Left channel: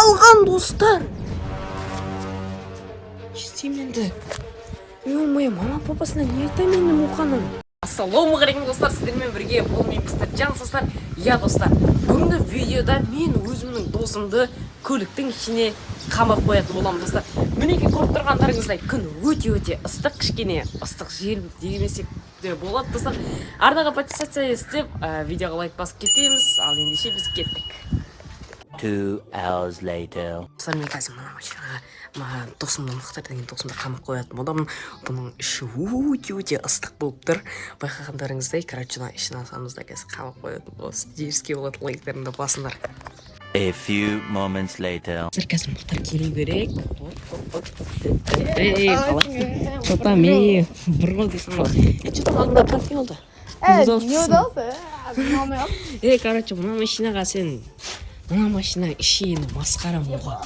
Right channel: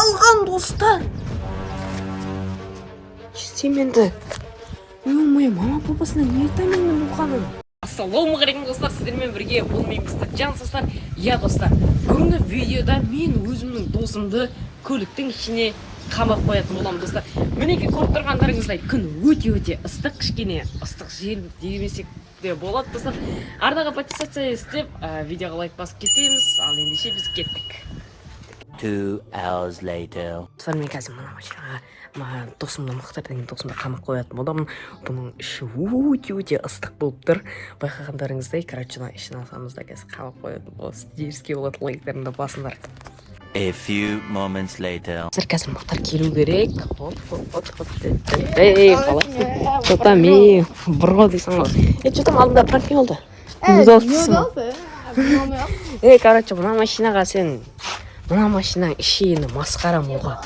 қалған достар. Сен енді мама папасына не айтамын енді Мұқаның? Ассалаумағалейкум достар, сіздермен бірге бұл мен мистер Джан достар. Я достар, бүгінгі видеода мен өзімнің досымды көліктің ішіне қамап қоятын боламын достар. Мінеки көріп тұрғандарыңыздай күн өте ыстық, кішкене ыстық жел демесек де болады достар. Арнаға подписаться істеп, видеоға лайк басып кетеміз. Ал ендеше біз кеттік. 2 hours later. Достар, мен қазір мына машинаға досымды Мұхтар деген досымды қамап қоятын боламын. Бұның іші өте ыстық болып тұр. Байқағандарыңыздай, ішін алсамыз да қазір қамап қоятын боламыз. Деріске болады, лайктарында басыңдар. A few moments later. Қазір Мұхтар келу керек. Ей, қалай? Что-там, бұрға дейсің ғой. Что-там алдында практик болды. Мына машинаның іші енді масқара мұға.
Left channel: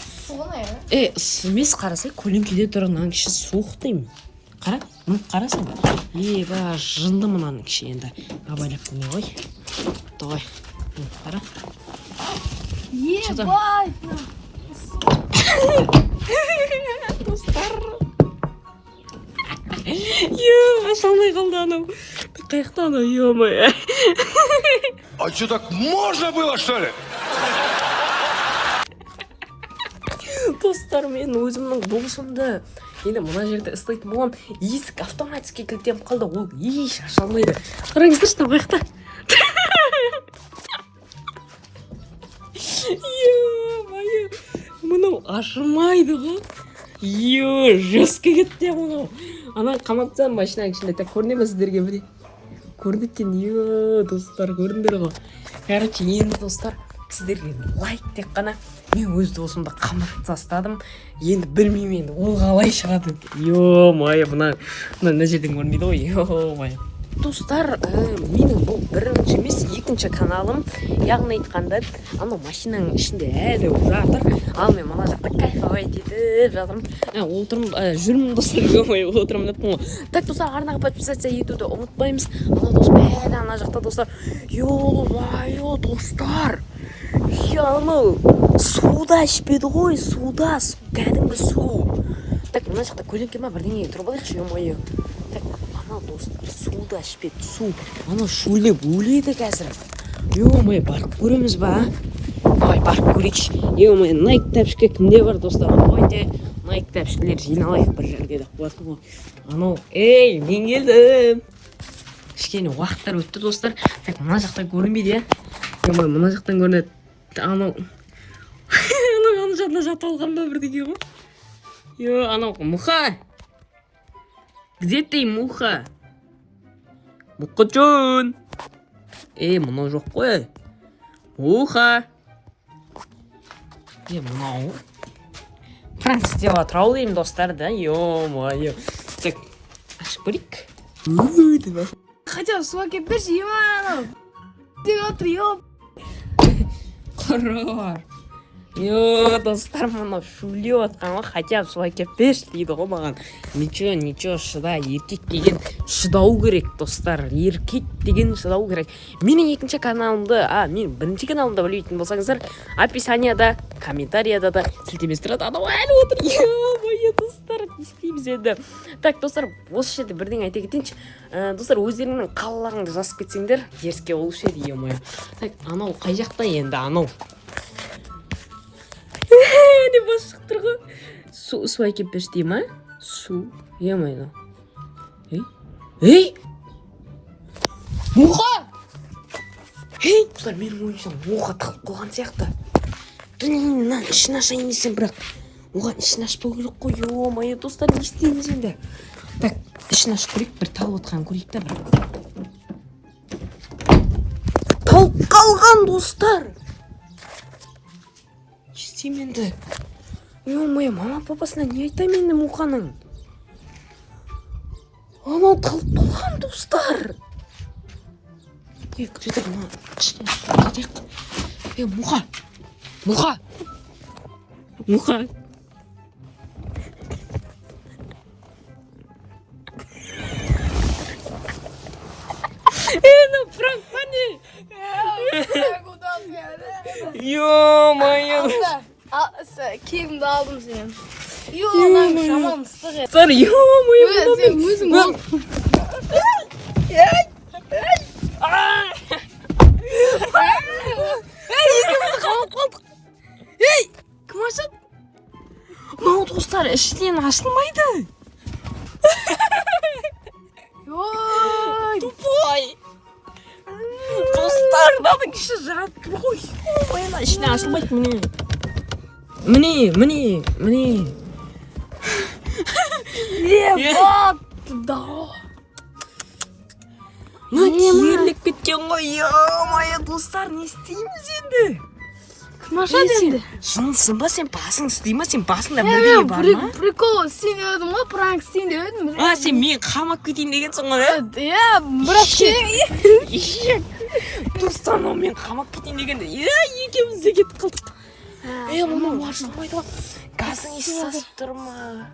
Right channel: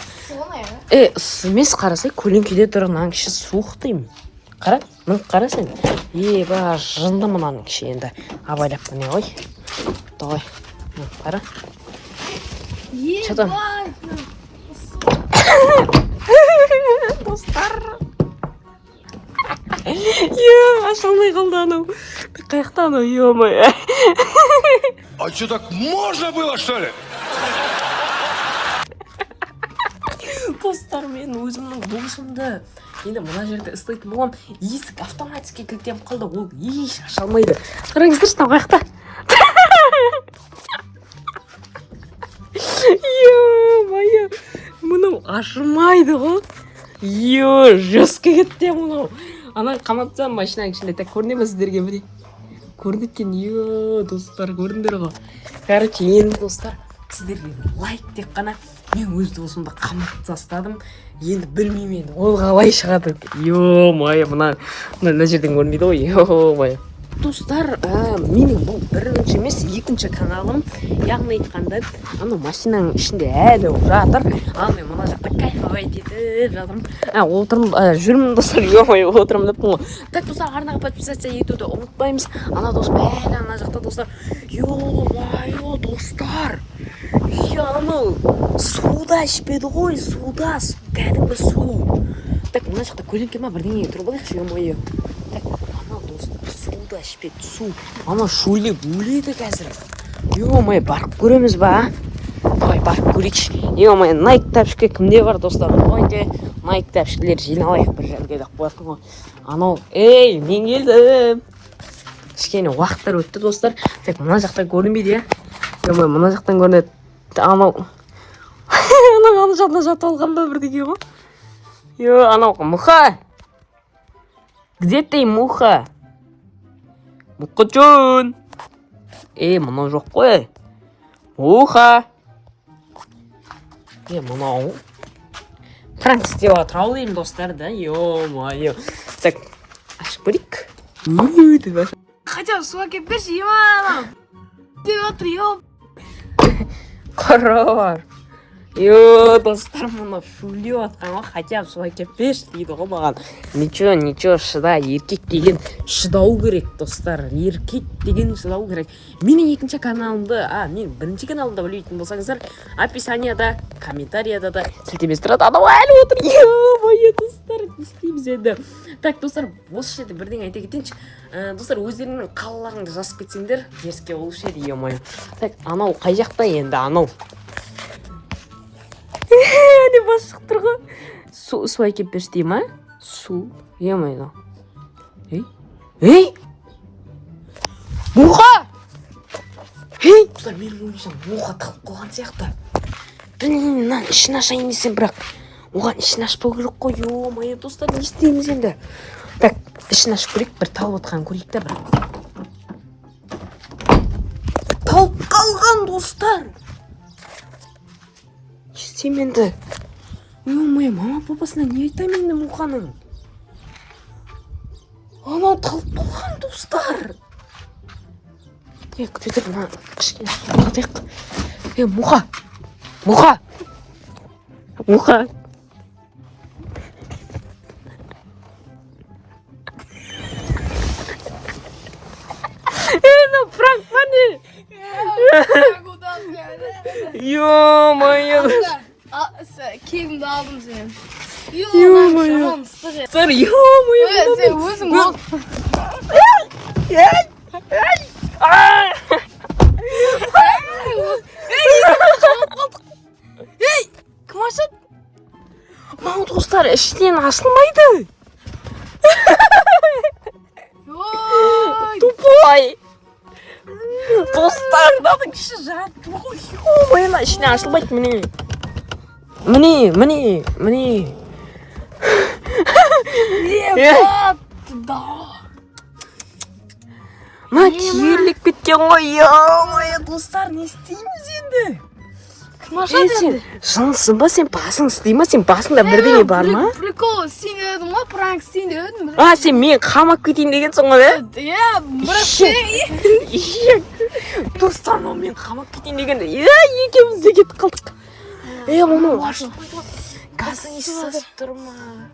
Емес, қарасай, көлеңкеде тұр, мынаның іші суық деймін. Қара, қарасай. Ба, жынды мынаның іші енді. Абайлап қане ғой. Дұғай, қара. Что-там? Достар. Ашылмай қалды анау. Қаяқта анау, ё-мой. А что, так можно было, что ли? Достар, мен өзімнің досымды енді мына жерде ұстайтын болам. Есік автоматически кілттеніп қалды, ол еш ашылмайды. Қараңыздар, что қаяқта? Ё-моё, мұның ашылмайды ғой. Жесткий кетті мұнау. Ана қамапсам машинаның ішінде так көріне ме сіздерге бір? Көрінеткен, достар, көріндер ғой. Короче, енді достар, сіздерге лайк тек қана. Мен өз досымды қамап тастадым. Енді білмеймін, ол қалай шығады. Ё-моё, мына жерден көрмейді ғой. Ё-моё. Достар, менің бұл бірінші емес, екінші каналым. Яғни айтқанда, ана машинаның ішінде әлі жатыр. Ал мен мына жақта кайфовать етіп жатырмын. Жүрмін достар, ё-моё, отырмын деппін ғой. Так, достар, арнаға подписаться етуді ұмытпаймыз. Ана досым әлі ана жақта достар. Ё-моё, достар. Анау суда ішпеді ғой, суда, кәдімгі су. Так, мына жақта көлеңке ма бірдеңе тұрып алайықшы, ё-моё. Так, анау достар, суда ішпеді, су. Анау шөлеп өледі қазір. Ё-моё, барып көреміз ба? Ой, барып көрейікші. Ё-моё, Nike тәпішке кімде бар достар? Ойде, Nike тәпішкелер жиналайық бір жерге де қоясың ғой. Анау, мен келдім. Кішкене уақыттар өтті достар. Так, мына жақта көрінбейді, ё-моё, мына жақтан көрінеді. Анау ана жағына жатып алған ба бірдеңе ғой? Анау Мұха! Где ты, Мұха? Мұқачон! Мұнау жоқ қой. Мұха! Мұнау пранк істеп жатыр ау деймін достар, да? Ё-моё. Так, ашып көрейік. Хотя су әкеп берші, анау. Деп жатыр, ё. Қарар. Достар, мұны шулеп атқан ғой, хотя су әкеп берші дейді ғой маған. Ничего, шыда, еркек деген шыдау керек, достар. Еркек деген шыдау керек. Менің екінші каналымды, мен бірінші каналымды білмейтін болсаңыздар, описанияда, комментарияда да сілтемесі тұрады. Анау әлі отыр. Ё-моё, достар, не істейміз енді. Так, достар, осы жерде бірдеңе айта кетейінші. Достар, өздеріңнің қалаларыңды жазып кетсеңдер, теріске болушы еді, ё-моё. Так, анау қай жақта енді, анау? Не бас шығып тұр ғой. Су әкеп берші дейм, а? Су, ё-моё. Мұха! Достар, менің ойымша Мұха тығып қойған сияқты. Мынаны ішін ашайын десем, бірақ оған ішін ашпау керек қой, ё-моё, достар, не істейміз енді? Так, ішін ашып көрейік, бір талып отқан көрейік та бір. Талып қалған, достар! Істейм енді? Ё-моё, мама папасына не айтамын енді Мұқаның? Анау талып қалған, достар! Күтетіп, мына кішкене қатайық. Мұқа! Пранк па не? Ё-моё! Kiyimde aldım seni. Yo-moyo. Şaman ıslık. Sen yo-moyo. Sen özün ol. Ey, kim açады? Мынау достар іштен ашылмайды. Ой. Тупой. Достарының іші жат. Ой, ана ішіне ашылмайды, міне. Міне. Да. Мына киерлік кеткен ғой, yo-moyo, достар, не істейміз енді? Kim açады Сен жынсың ба, сен басың істей ма, сен басыңда бірдеңе бар ма? Прикол, сен ödüm ғой, пранк сен de ödüm. А, сен мен қамап кетейін дегенсің ғой, Ya, бірақ достар, мен қамап кетейін дегенде, екеуміз де кетіп қалдық. Мама, ашылмайды ғой. Газың иісі сасып тұр ма?